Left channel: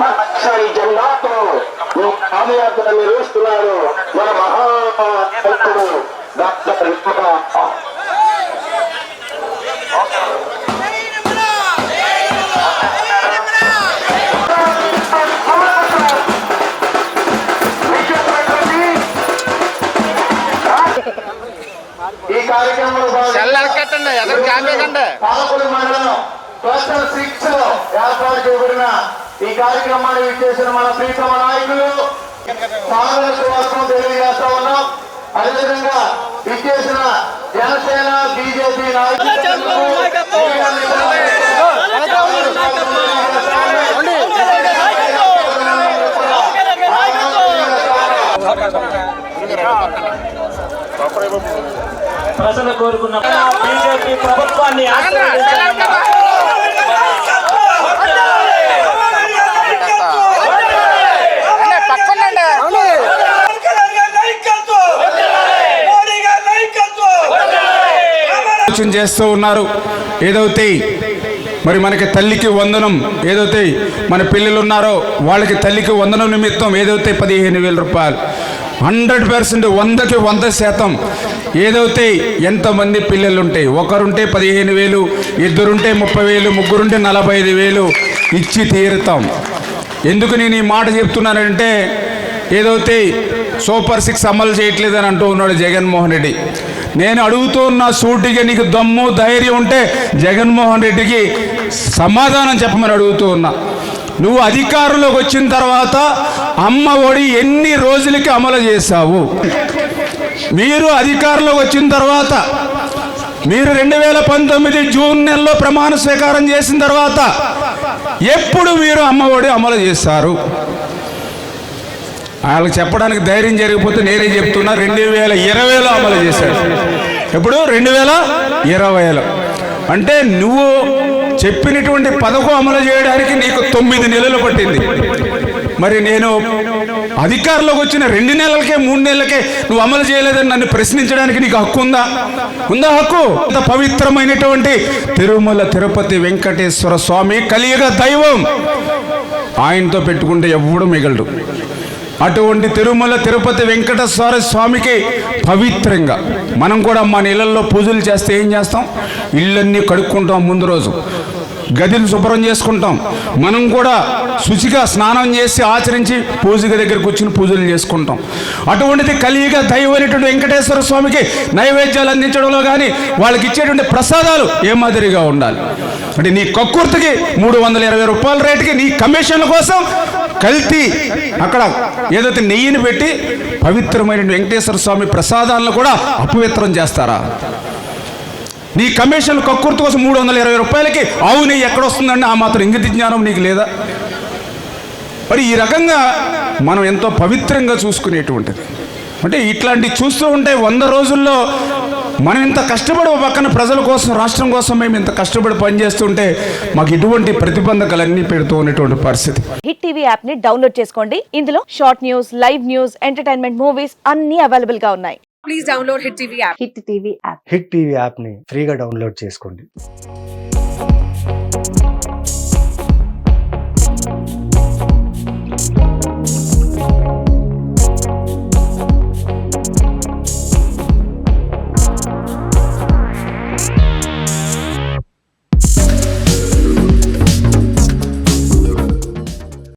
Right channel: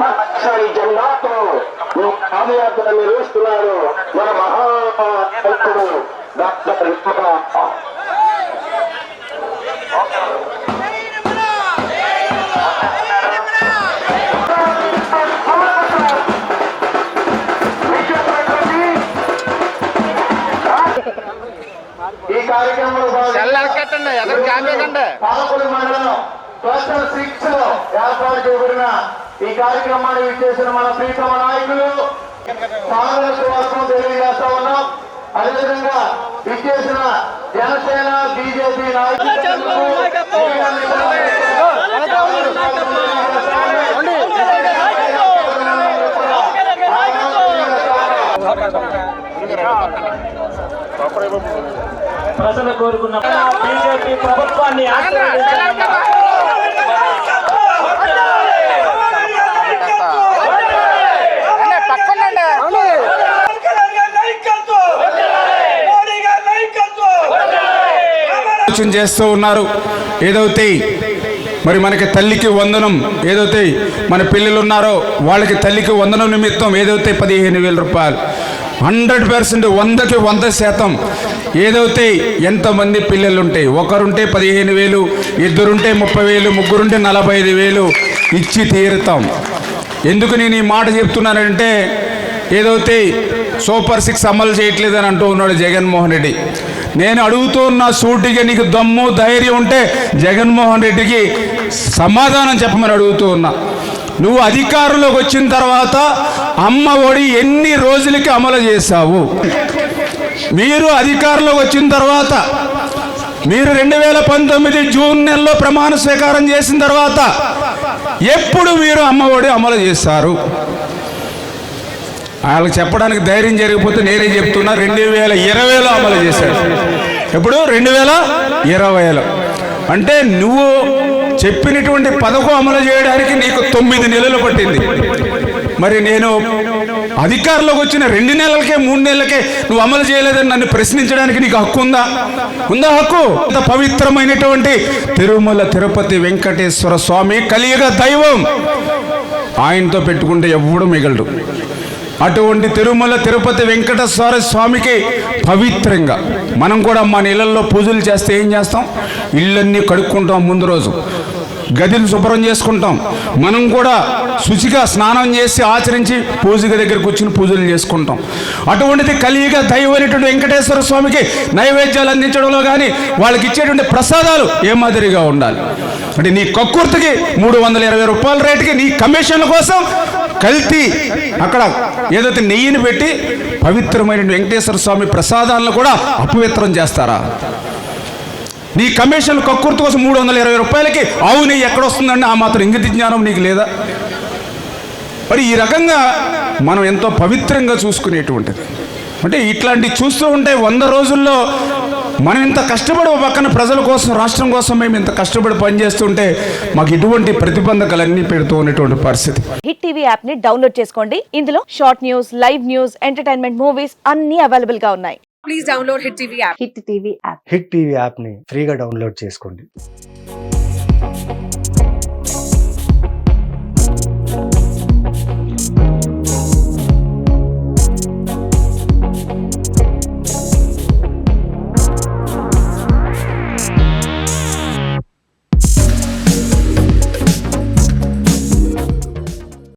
పచ్చని జెండాతో పాదయాత్ర నిర్వహిస్తున్నాడు మన మహానాయకుడు డాక్టర్ ఈ కార్యక్రమంలో పాలకొల్లు మండలం క్లస్టర్ 6 లో ఏర్పాటు చేయబడిన ఈ కార్యక్రమాన్ని విచ్చేసిన మన ప్రీతమ నాయకులు సాధన సువాసం తెలియజేస్తా ఉన్నాం. అదేవిధంగా విచ్చేసిన జనసేన బీజేపీ నాయకులు ప్రజలు కోరుకున్న బీజేపీ ప్రభుత్వాన్ని చేస్తూ ఉన్నారు. ఏదైతే మరి మనకి తల్లికి వందనం ఏదైతే మన పిల్లలు ఉన్నారో వాళ్ళకి తల్లికి వందనం నిమిత్తం ఏదైతే 15,000 రూపాయలు 100%, 100కి 100% ఏదైతే ఎంతమంది పిల్లలు ఉంటే ఒకరుంటే 15,000, ఇద్దరుంటే 30,000, ముగ్గురుంటే 45,000 ఇచ్చి తీరుతాం. ఎందుకు నేను ఈ మాట చెప్తున్నానంటే ఏదైతే సూపర్ 6 అమలు చేయట్లేదని అంటూ ఉన్నాడు జగన్మోహన్ రెడ్డి. నేను అడుగుతున్న సూటిగా నీకు దమ్ము ధైర్యం ఉంటే జగన్మోహన్ రెడ్డికి సమాధానం చెప్పమని అడుగుతూ ఉన్నా. నువ్వు అధికారంలోకి వచ్చిన తర్వాత అమ్మ ఒడి ఎన్ని రోజులకి అమలు చేశావు? మీరు అధికారంలోకి వచ్చిన తర్వాత మీరు 2019 జూన్ నెలలో ప్రమాణ స్వీకారం చేసిన తర్వాత ఎప్పుడు మీరు అమ్మ ఒడి అమలు చేశారు? వాళ్ళకి చెప్పడానికి ధైర్యం జరిగిపోతే నేనే చెప్తున్నా. 2020లో అమలు చేశాడు. ఎప్పుడు? 2020లో. అంటే నువ్వు చెప్పినటువంటి పథకం అమలు చేయడానికి నీకు 9 నెలలు పట్టింది. మరి నేను అధికారంలోకి వచ్చిన 2 నెలలకే 3 నెలలకే నువ్వు అమలు చేయలేదని నన్ను ప్రశ్నించడానికి నీకు హక్కు ఉందా? ఉందా హక్కు? అంత పవిత్రమైనటువంటి తిరుమల తిరుపతి వెంకటేశ్వర స్వామి కలియుగ దైవం. ఆయనతో పెట్టుకుంటే ఎవడు మిగలడు. అటువంటి తిరుమల తిరుపతి వెంకటేశ్వర స్వామికి పవిత్రంగా మనం కూడా మన ఇళ్లలో పూజలు చేస్తే ఏం చేస్తాం? ఇళ్ళన్నీ కడుక్కుంటాం. ముందు రోజు గదిని శుభ్రం చేసుకుంటాం. మనం కూడా శుచిగా స్నానం చేసి ఆచరించి పూజ దగ్గర కూర్చుని పూజలు చేసుకుంటాం. అటువంటిది కలియుగ దైవమైనటువంటి వెంకటేశ్వర స్వామికి నైవేద్యాలు అందించడంలో కానీ వాళ్ళకి ఇచ్చేటువంటి ప్రసాదాలు ఏ మాదిరిగా ఉండాలి అంటే నీ కక్కుర్తికి 320 రూపాయల రేటుకి నీ కమిషన్ల కోసం కల్తీ అక్కడ ఏదైతే నెయ్యిని పెట్టి పవిత్రమైన వెంకటేశ్వర స్వామి ప్రసాదాలను కూడా అపవిత్రం చేస్తారా? నీ కమిషన్ కక్కుర్తి కోసం 320 రూపాయలకి ఆవు నెయ్యి ఎక్కడొస్తుందండి? ఆ మాత్రం ఇంగిత జ్ఞానం నీకు లేదా? మరి ఈ రకంగా మనం ఎంతో పవిత్రంగా చూసుకునేటువంటిది. అంటే ఇట్లాంటివి చూస్తూ ఉంటే 100 రోజుల్లో మనం ఇంత కష్టపడి పక్కన ప్రజల కోసం రాష్ట్రం కోసం మేము ఇంత కష్టపడి పనిచేస్తుంటే మాకు ఇటువంటి ప్రతిబంధకాలన్నీ పెడుతూ ఉన్నటువంటి పరిస్థితి. హిట్ టీవీ యాప్ ని డౌన్లోడ్ చేసుకోండి. ఇందులో short news, live news, entertainment movies అన్ని అవైలబుల్ గా ఉన్నాయి. Please download hit TV app. Hit TV app ని ఫ్రీగా డౌన్లోడ్ చేసుకోండి.